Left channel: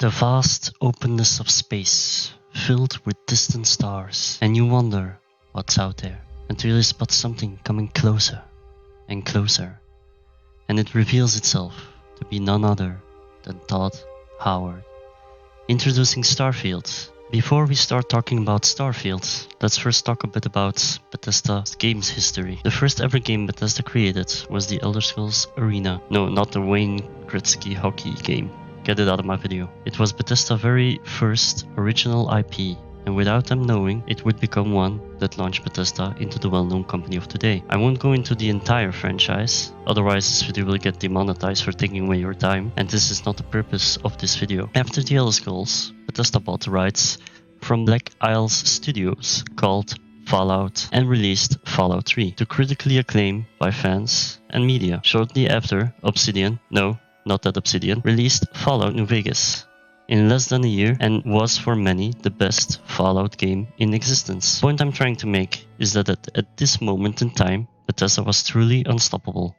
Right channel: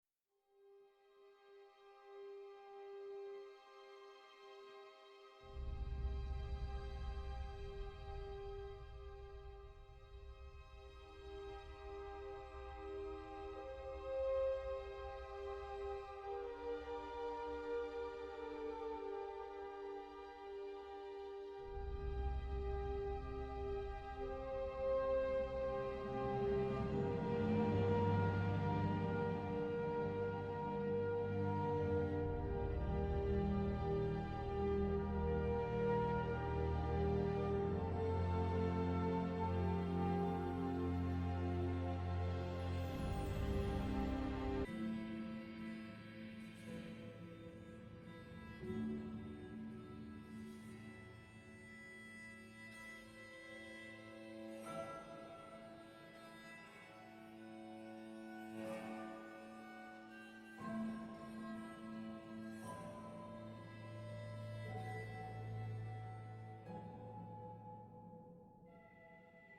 The vast openness of space, filled with distant stars, and you wonder what's out there, until you spot something coming closer and closer, and it reveals itself to be none other than Todd Howard. Introducing Starfield. Before we start talking about Starfield, let's first talk a bit about Bethesda's games history. The first ever game Bethesda created was the Elder Scrolls Arena. No, not the Wayne Gretzky hockey game. Get it out of my video. It was Bethesda's very first original IP, and without them knowing, it would become one that launched Bethesda into the well-known company of today. I won't go into the entire franchise, otherwise this video will get demonetized for taking away your time, and this is not the purpose of this video. After the Elder Scrolls, Bethesda bought the rights from Black Isles Studios called Fallout and released Fallout 3 to critically acclaim by fans and media. Shortly after, Obsidian, no, not that Obsidian, released Fallout New Vegas in less than a year and was for many the best Fallout game in existence. The point I'm trying to make is that at this moment in time, Bethesda was truly unstoppable,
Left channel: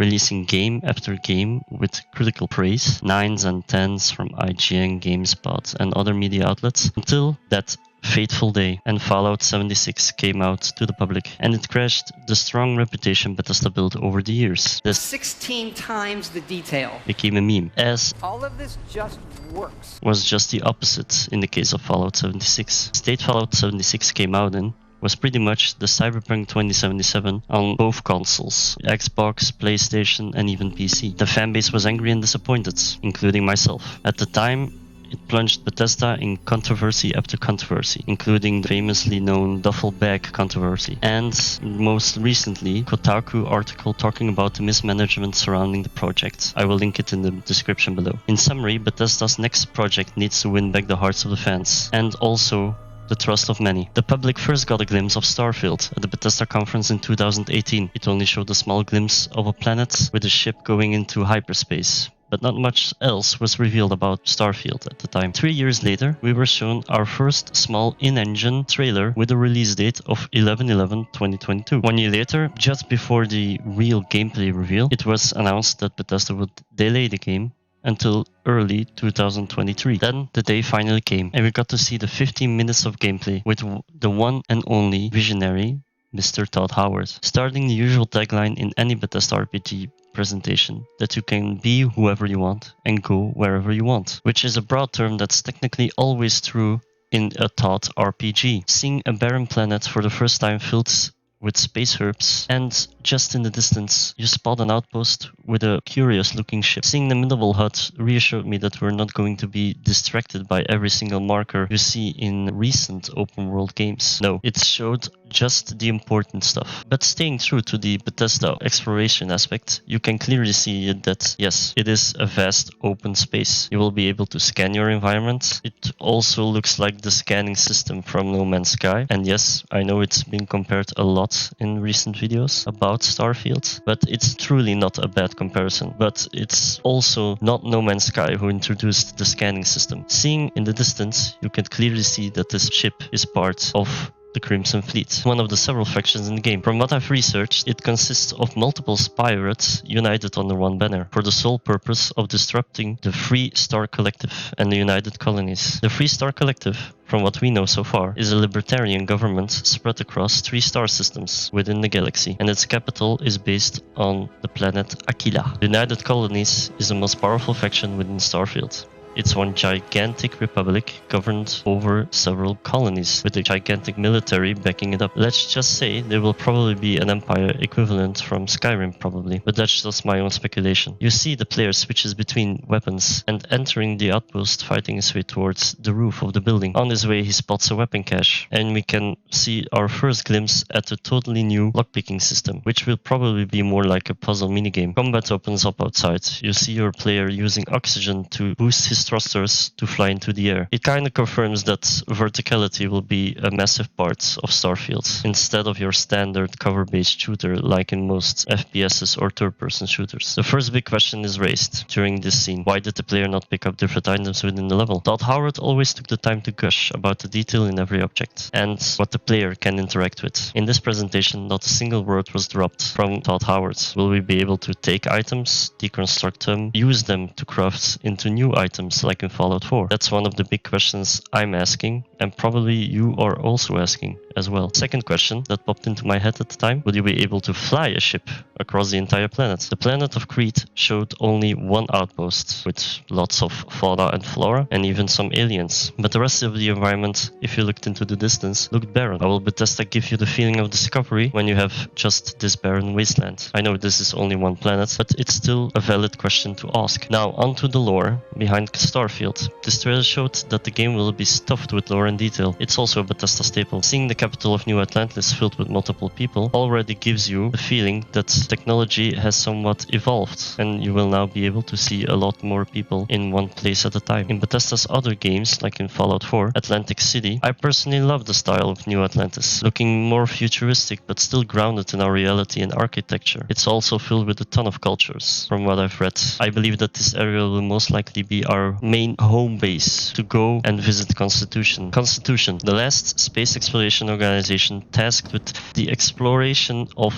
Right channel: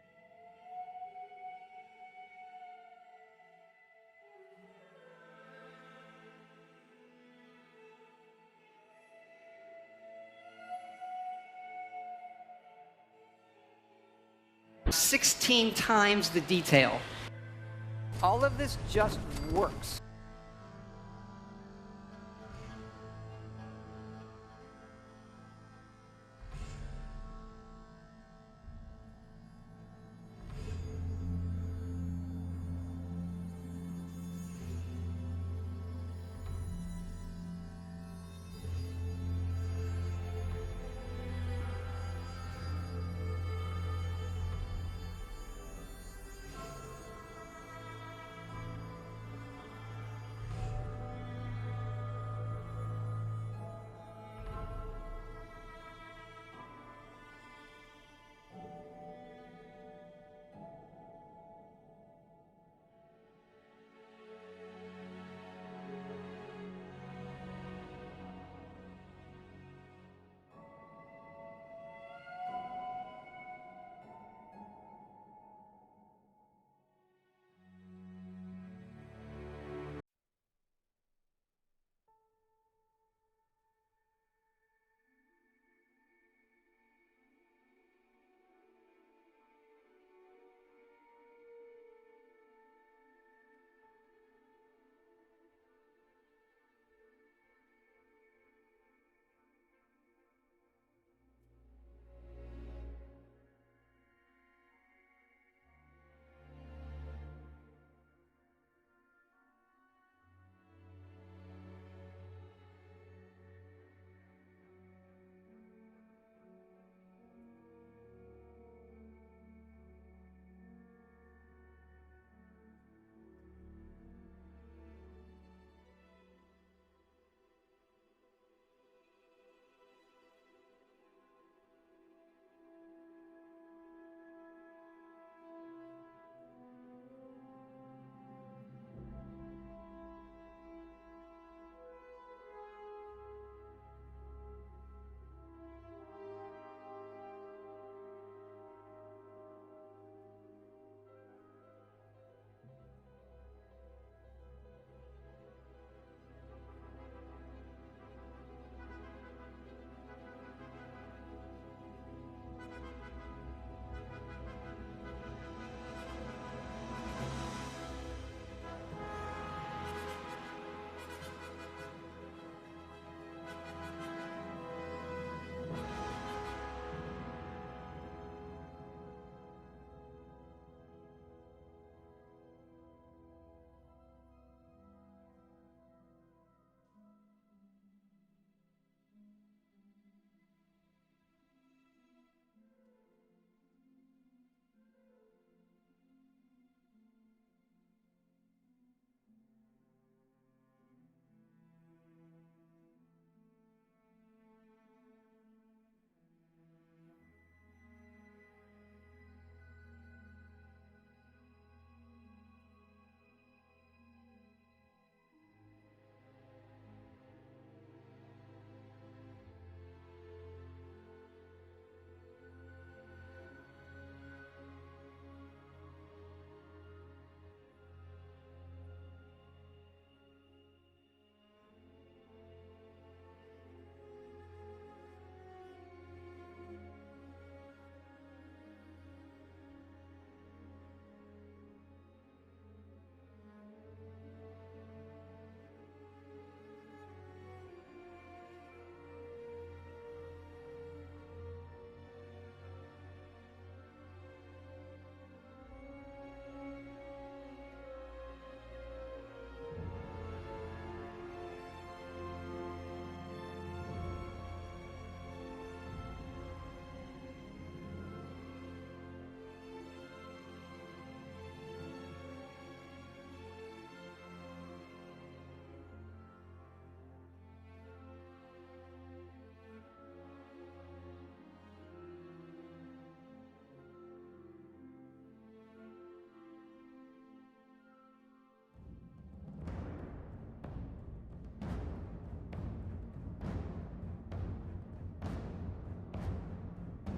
releasing game after game with critical praise, 9s and 10s from IGN, GameSpot and other media outlets, until that fateful day and Fallout 76 came out to the public, and it crashed the strong reputation Bethesda built over the years. This 16 times the detail became a meme, as all of this just works. Was just the opposite in the case of Fallout 76. The state Fallout 76 came out in was pretty much the Cyberpunk 2077 on both consoles, Xbox, PlayStation and even PC. The fanbase was angry and disappointed, including myself. At the time, it plunged Bethesda in controversy after controversy, including the famously known duffel bag controversy, and most recently, Kotaku article talking about the mismanagement surrounding the project. I will link it in the description below. In summary, Bethesda's next project needs to win back the hearts of the fans, and also the trust of many. The public first got a glimpse of Starfield at the Bethesda conference in 2018. It only showed a small glimpse of a planet with a ship going into hyperspace, but not much else was revealed about Starfield at the time. 3 years later, we were shown our first small in-engine trailer with a release date of 11/11/2022. 1 year later, just before the real gameplay reveal, it was announced that Bethesda would delay the game until early 2023. Then the day finally came, and we got to see the 15 minutes of gameplay with the one and only visionary Mr. Todd Howard, starting the usual tagline in any Bethesda RPG presentation, that you can be whoever you want and go wherever you want, which is a broad term that's technically always true in a Todd RPG. Seeing a barren planet for the first time filled with space herbs, and just in the distance you spot an outpost with a curious looking ship. Seeing the minimal hut reassured me that we're not going to be distracted by every single marker you see in recent open world games. No, it showed just the important stuff. But staying true to the Bethesda exploration aspect, you can clearly see that yes, it is a vast open space. You will be able to scan your environment. It also looks like the scanning system from No Man's Sky, and yes, I know it's been compared a lot in recent videos about Starfield, but it's truly not a bad comparison. But it's also not No Man's Sky who introduced the scanning system. Seeing in the distance, you can clearly see that this ship is part of the Crimson Fleet, one of the several factions in the game. From what I've researched, it consists of multiple pirates united under one banner for the sole purpose of disrupting the Free Star Collective and the United Colonies. The Free Star Collective, from what we know so far, is a libertarian government spread across 3 star systems within the galaxy, and its capital is based on the planet Aquila. The United Colonies is the most powerful faction within Starfield. It's one gigantic republic governed over several colonies, with a gigantic military backing it up. Let's just say there will probably be an empire equivalent from Skyrim probably, but that's just my own speculation. You see the player switches between weapons, and entering the outpost, fighting his way towards the roof of the building. On his way he spots a weapon cache, and we can see our first glimpse at a totally new lockpicking system, which will probably be more like a puzzle minigame. Combat opens up outside. You see your player using oxygen to boost his thrusters to fly into the air. It kind of confirms that verticality will be a massive part of Starfield, instead of your standard cover-based shooter like in most FPSs or third-person shooters. The first big question is raised during this scene. Why did the player not pick up different items within the level? Todd Howard always took the time to gush about the detail in every object and what the player can interact with. In this presentation, not a single word was dropped from Todd Howard. Will we be able to take items, deconstruct them, use them to craft into new items, biomes like in Fallout 4? That's one of the big questions I'm asking, and probably you are also asking as well. Second question that popped into my head at the time: would you be able to fly a ship across the entire planet? The planet of Crete showed only one outpost with lots of fauna and flora and even some aliens, but the rest of the environment, if you looked into the distance, looked barren. How will Bethesda give you the feeling of discovery when you have just this barren wasteland? I know this is only one planet, but it's still a valid question to ask. Now onto the lore behind Starfield. This trailer showed that the game will be stuffed with lore and detail. It's also a Bethesda staple. Seeing the capital of New Atlantis filled with multiple people already gives you the feeling that technology has somewhat evolved, and you will now be able to see a lot more people in one place at a time. In Bethesda's other games, like in Fallout 4, Atlantic City, I personally love the style of New Atlantis, looking more futuristic but still grounded in our reality and architecture. It's also filled with a ton of cultures, from what I've read. I believe that this area will most likely be our main home base to go and visit Constitution. Constitution, the last space exploration organization tasked with the exploration of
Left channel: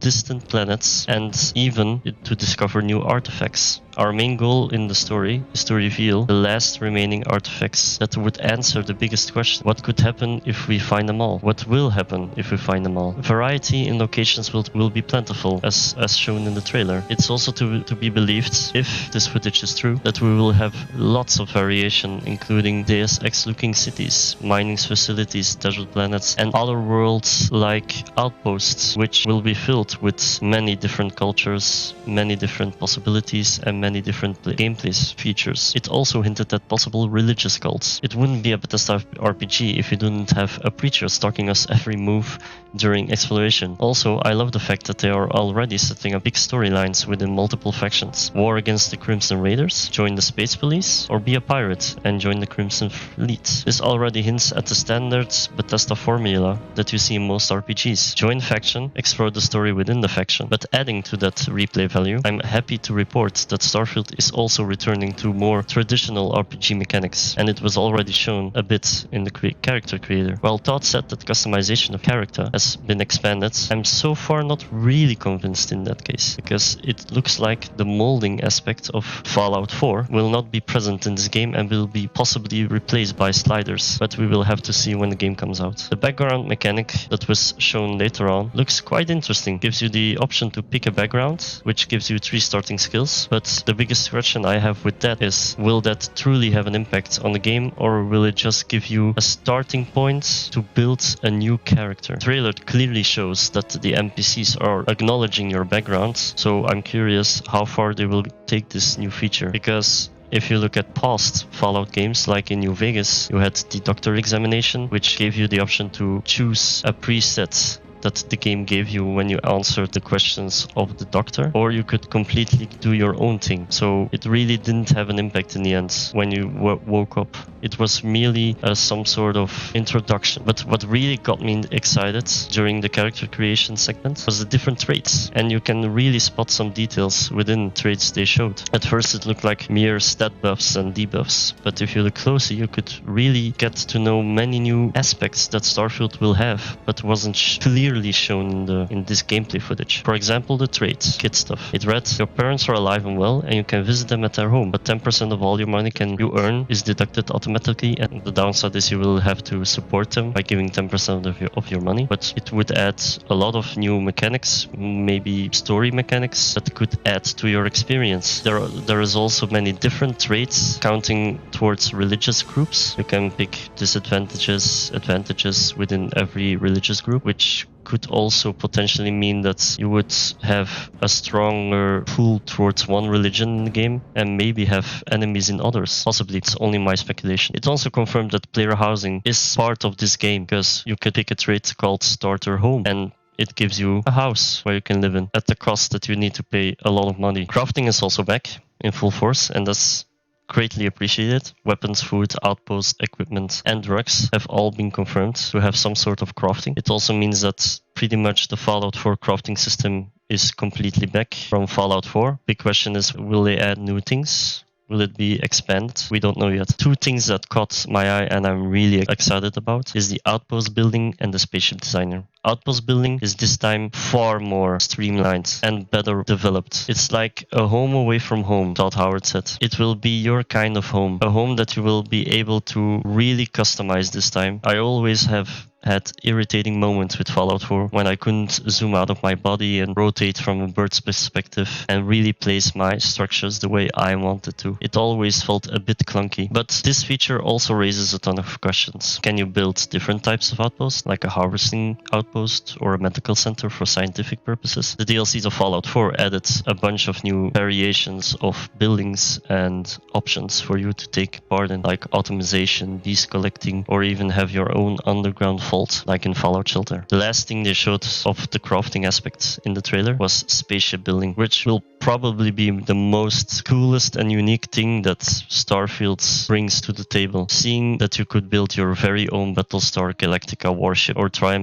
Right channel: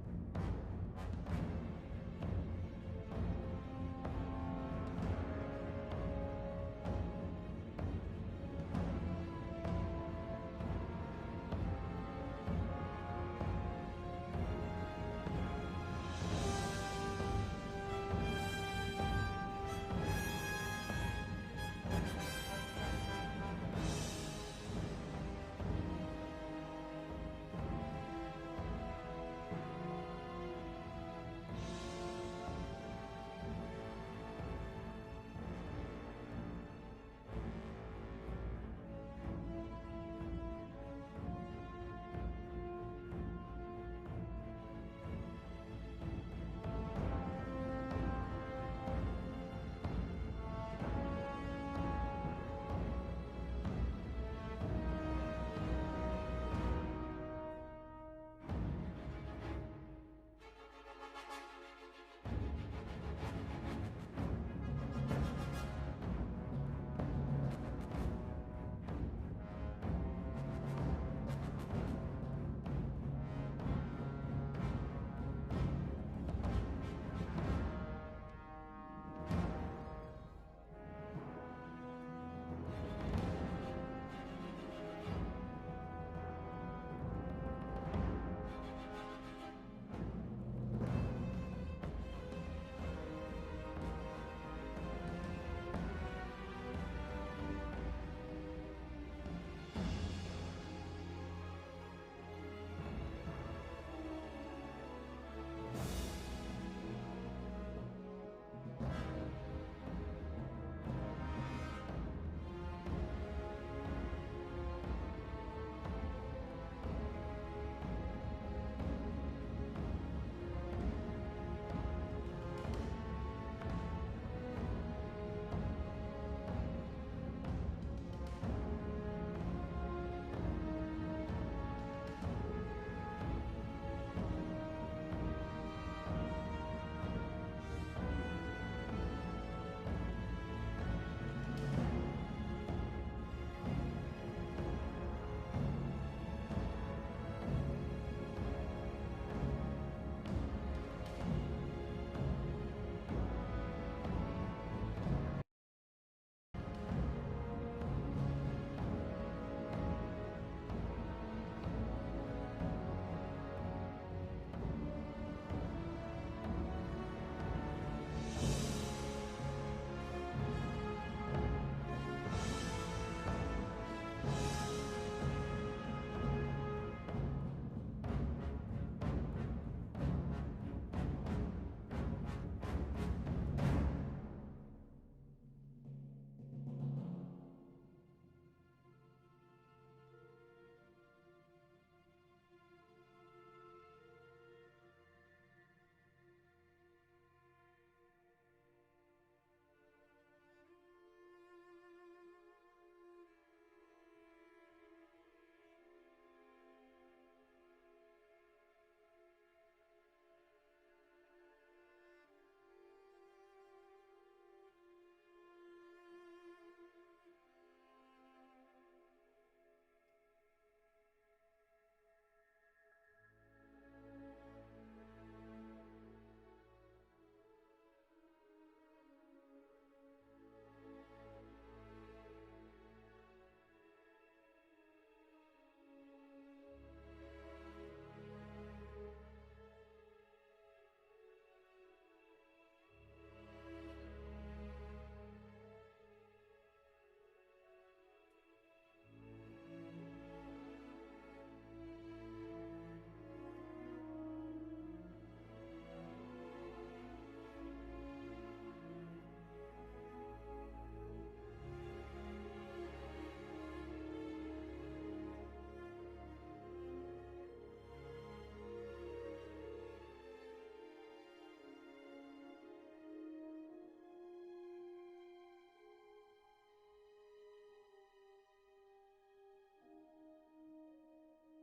distant planets and even to discover new artifacts. Our main goal in the story is to reveal the last remaining artifacts that would answer the biggest question: what could happen if we find them all? What will happen if we find them all? Variety in locations will be plentiful, as shown in the trailer. It's also to be believed, if this footage is true, that we will have lots of variation, including Deus Ex-looking cities, mining facilities, desert planets, and other worlds like outposts, which will be filled with many different cultures, many different possibilities, and many different gameplay features. It also hinted at possible religious cults. It wouldn't be a Bethesda RPG if you didn't have a preacher stalking us every move during exploration. Also, I love the fact that they are already setting up big storylines within multiple factions. War against the Crimson Raiders, join the Space Police, or be a pirate and join the Crimson Fleet. This already hints at the standard Bethesda formula that you see in most RPGs. Join faction, explore the story within the faction. But adding to that replay value, I'm happy to report that Starfield is also returning to more traditional RPG mechanics, and it was already shown a bit in the character creator. While Todd said that customization of character has been expanded, I'm so far not really convinced in that case, because it looks like the molding aspect of Fallout 4 will not be present in this game and will be possibly replaced by sliders, but we will have to see when the game comes out. The background mechanic that was shown later on looks quite interesting. Gives you the option to pick a background, which gives you 3 starting skills, but the biggest question I have with that is, will that truly have an impact on the game, or will it just give you a starting point to build a new character? The trailer clearly shows that the NPCs are acknowledging your background, so I'm curious how far they will take this new feature, because if you look at past Fallout games, like in New Vegas, you had the doctor examination, which gave you the option to choose a preset that the game gave you when you answered the questions of the doctor, or you could completely do your own thing. So it really didn't have an impact in the end when you woke up. It was merely some sort of introduction. But what really got me excited during the character creation segment was the different traits, and you can really spot some details within traits they showed. At first it looked like mere stat buffs and debuffs, but if you look closely you could really get to know many new aspects that Starfield will have, but wasn't clearly shown in this gameplay footage. For example, the trait, kid stuff. It read, your parents are alive and well and you can visit them at their home, but 10% of all your money you earn is deducted automatically, and the downside is you will have to support them by giving 10% of your money. But it would add a lot of new mechanics, maybe story mechanics that could add to your experience. There is also many different traits counting towards religious groups. You can pick disadvantages, advantages within every religious group, which could also potentially mean that you would have a stronger pull towards one religion in the game and maybe have enemies in others. Possibly, it's only my speculation. It also confirmed that player housing is part of this game, because you could pick a trait called Starter Home, and it gives you a house where you can live in at the cost that you need to pay a lot of money. Crafting is also back in full force, and that's greatly appreciated. Weapons, food, outposts, equipment, and drugs have all been confirmed to have some sort of crafting. It also means that pretty much the Fallout 4 crafting system is completely back from Fallout 4. Big question is, will they add new things? Will it be expanded? We don't know yet. Two things that caught my eye and I'm really excited about is the outpost building and the spaceship designer. Outpost building is this time far more streamlined and better developed. It's like a home away from home, Todd Howard said. It will be your kind of home, a home that you will be able to really customize this time. I always have had irritating moments with Fallout 4 when I couldn't zoom out of my body and rotate from a bird's perspective and really place my structures the way I wanted to. It always felt a bit clunky, but this feature also raises a ton of questions. Can you build different types of outposts, like a harvesting outpost or a medical center for scientific purposes? The DLCs of Fallout 4 added a bunch of new variations of buildings and options for you to take part in, like automation, beast collecting, or even have your own underground vault, like in Fallout Shelter. The last thing they showed of the crafting aspects in the trailer was spaceship building, which will probably be the most coolest and unique thing that Starfield brings to the table. Seeing that you could build your very own Battlestar Galactica warship, or try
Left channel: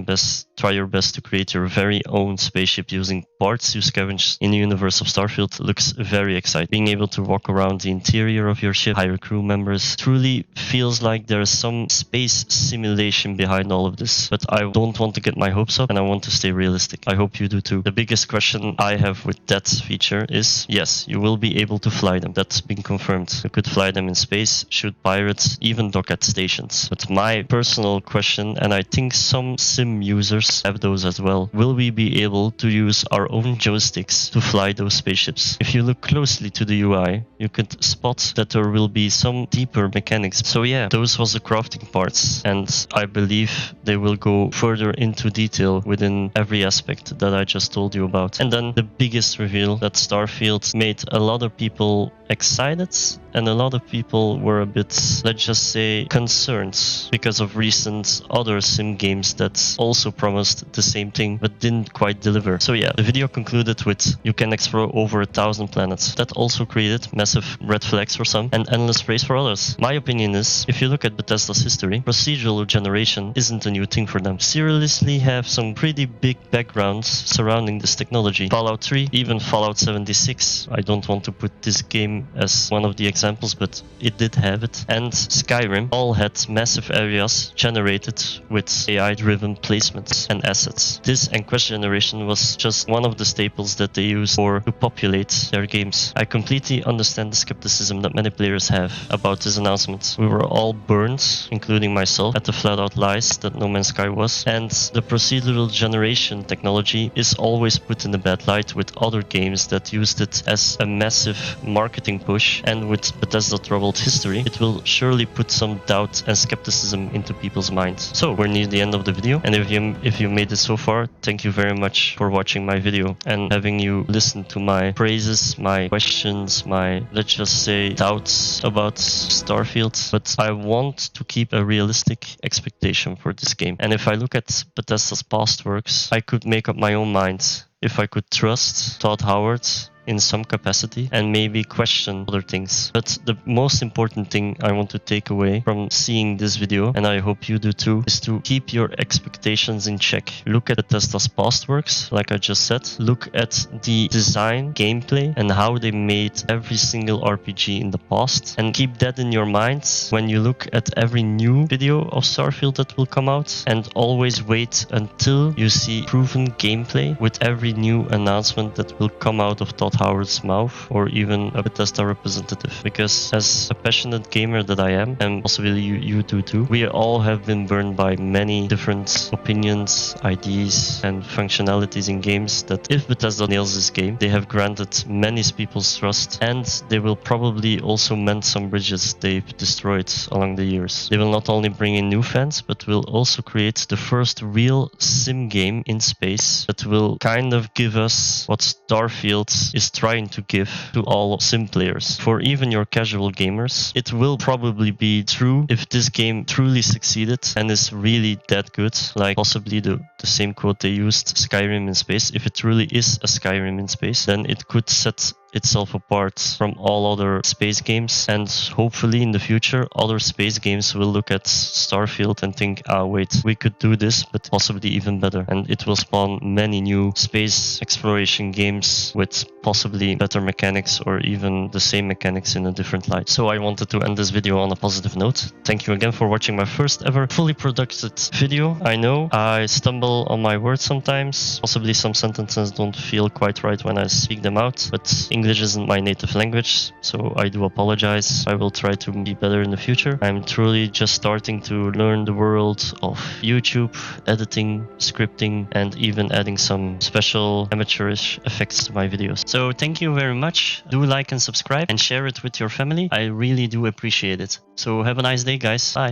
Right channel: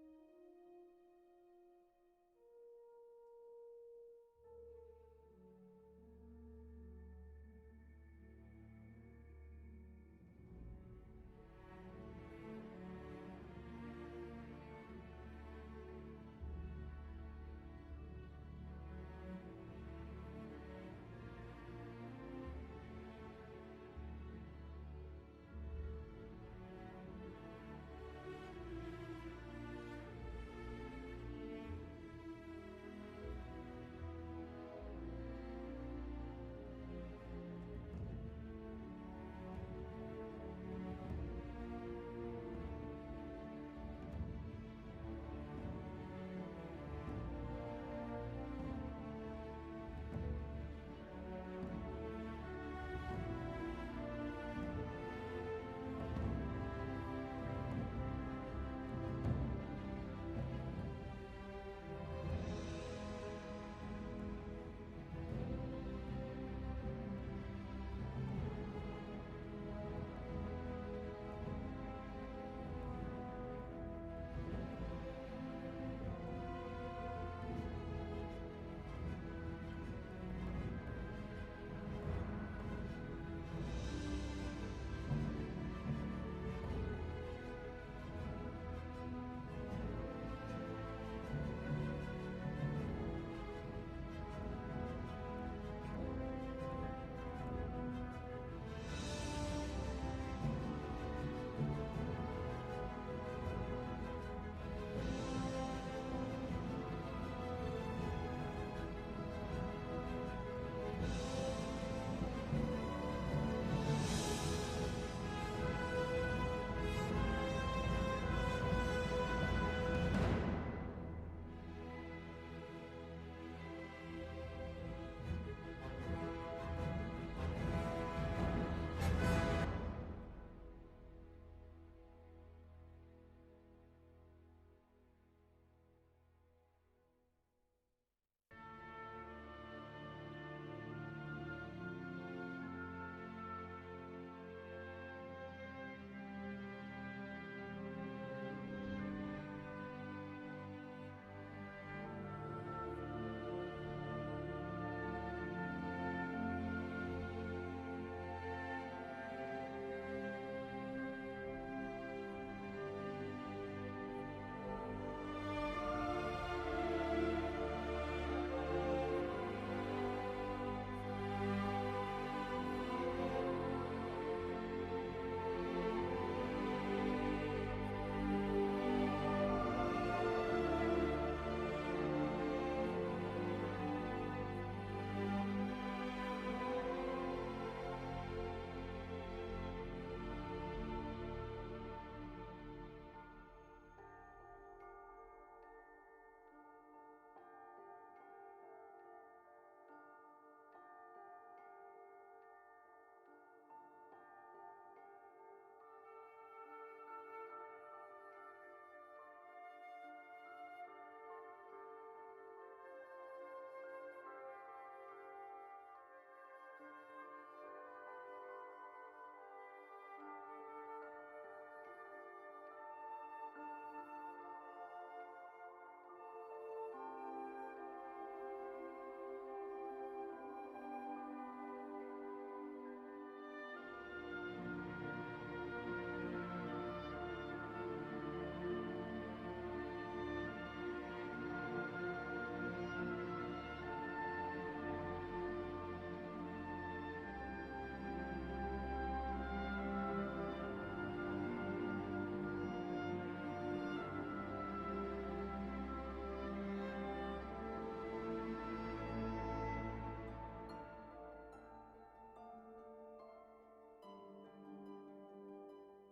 your best to create your very own spaceship using parts you scavenged in the universe of Starfield looks very exciting. Being able to walk around the interior of your ship, hire crew members, truly feels like there is some space simulation behind all of this. But I don't want to get my hopes up and I want to stay realistic. I hope you do too. The biggest question I have with that feature is, yes, you will be able to fly them. That's been confirmed. You could fly them in space, shoot pirates, even dock at stations. But my personal question, and I think some sim users have those as well, will we be able to use our own joysticks to fly those spaceships? If you look closely to the UI, you could spot that there will be some deeper mechanics. So yeah, those was the crafting parts, and I believe they will go further into detail within every aspect that I just told you about. And then the biggest reveal that Starfield made a lot of people excited, and a lot of people were a bit, let's just say, concerned because of recent other sim games that also promised the same thing but didn't quite deliver. So yeah, the video concluded with you can explore over 1,000 planets. That also created massive red flags for some and endless praise for others. My opinion is, if you look at Bethesda's history, procedural generation isn't a new thing for them. Seriously have some pretty big backgrounds surrounding this technology. Fallout 3, even Fallout 76. I don't want to put this game as one of the examples, but it did have it. And Skyrim all had massive areas generated with AI-driven placements and assets. This and quest generation was just one of the staples that they used to populate their games. I completely understand the skepticism that many players have about this announcement. We were all burned, including myself, at the flat-out lies that No Man's Sky was, and the procedural generation technology is always put in a bad light with other games that used it as a massive marketing push, and with Bethesda troubled history, it will surely put some doubt and skepticism into people's minds. So we're near the end of the video, and if you made it so far, thank you very much for watching my video and having you listen to my praises, my questions, my, let's just say, doubts about Starfield. But I want to keep a realistic expectation for this game. And if I look at Bethesda's past works, I could make up my own mind if I could trust Todd Howard in some capacity and maybe question other things. But the most important thing I want to take away from seeing this video, and I hope you do too, is to keep your expectations in check. Look at Bethesda's past works, like I just said. Look at the design, gameplay, and how they made every single RPG in the past, and keep that in your mind when you look at every new video of Starfield that will come out, and always wait until you see proven gameplay with every new announcement that will come out of Todd Howard's mouth, or even a Bethesda representative. Because as a passionate gamer that I am, and possibly you do too, we all have been burned by many different opinions, ideas, and functionalities in games that if Bethesda nails this game, they have granted many people's trust, and they will probably also mend some bridges they've destroyed along the years. They will not only bring in new fans, but will also create the first real sim game in space that will kind of give us what Starfield is trying to give to all sim players. For even your casual gamers, it will probably be true if this game truly succeeded and is really that good, like possibly the same quote they used, Skyrim in space. If it truly is a Skyrim in space, then it could set itself apart from all other space games, and hopefully in the future other space games will look at Starfield and think, ah wait, we could do this but possibly even better, and it will spawn many new space exploration games with possibly better mechanics or even the same mechanics in a different light. So I wanted to end this video on a positive note. Thank you again for watching my first ever fully produced video. I know I stumble on my words sometimes, possibly some sentences don't feel quite right when I speak them out, but English isn't my native language, so I do apologize. I will try to be better in the future. I'm truly just starting to learn the world of YouTube, editing, scripting, and even adding some special amateurish effects to my videos. So thank you very much. Do like and subscribe and share it with your family. I really do appreciate it. So have a nice day, guys. Bye.